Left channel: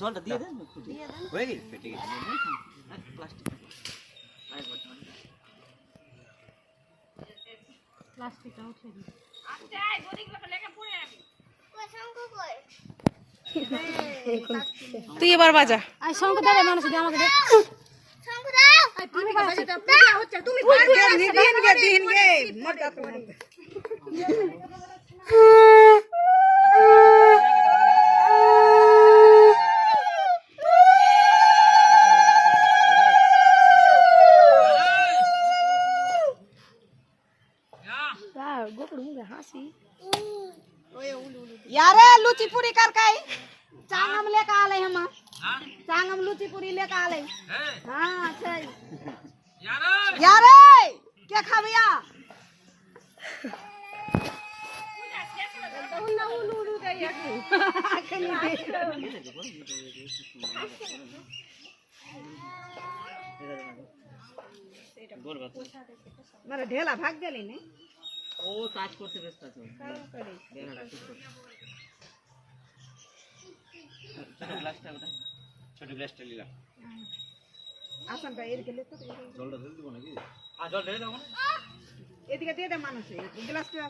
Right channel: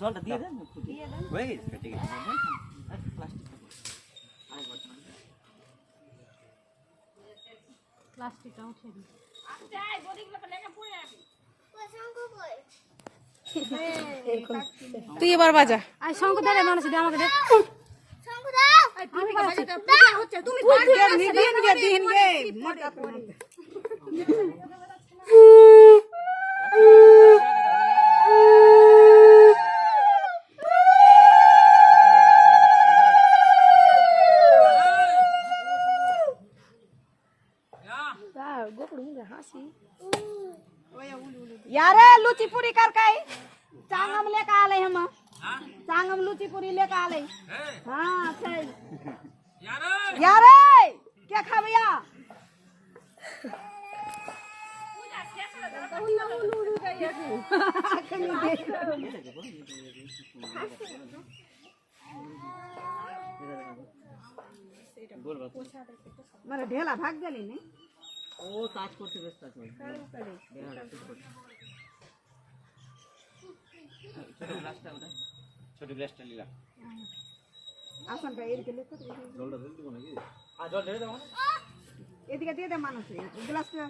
জলটা দিয়ে দেন একটু দিয়ে দেন হয়ে গেছে ঠিক আছে প্লাস্টিকটা উঠে দিই আচ্ছা এই গরিগুলো লেখা পড়ে রাখি কই শঙ্কু কই তুই এবার বাজা আই শঙ্কু দে মানুষ দে আমাকে দে শঙ্কু দাও তুমি বাজা দাও পূজা হচ্ছে তুমি দিন গে মোটা তো यारे लुची पूरी कर काई चांगम लेके आले हम चांगम लुची पूरी लेके आले हां सही यारे क्या खाबिया मारे ढेला भाग गेली नहीं ও কাজ করতে ব্যস্ত আছে ছোট গ্লাসটা নিলাম आसन पे এর গেলে তো জলটা ঢেলে দেব নাকি জল ঢেলে দাও না এদিকে দিয়ে দে মানুষ গ্লাসটা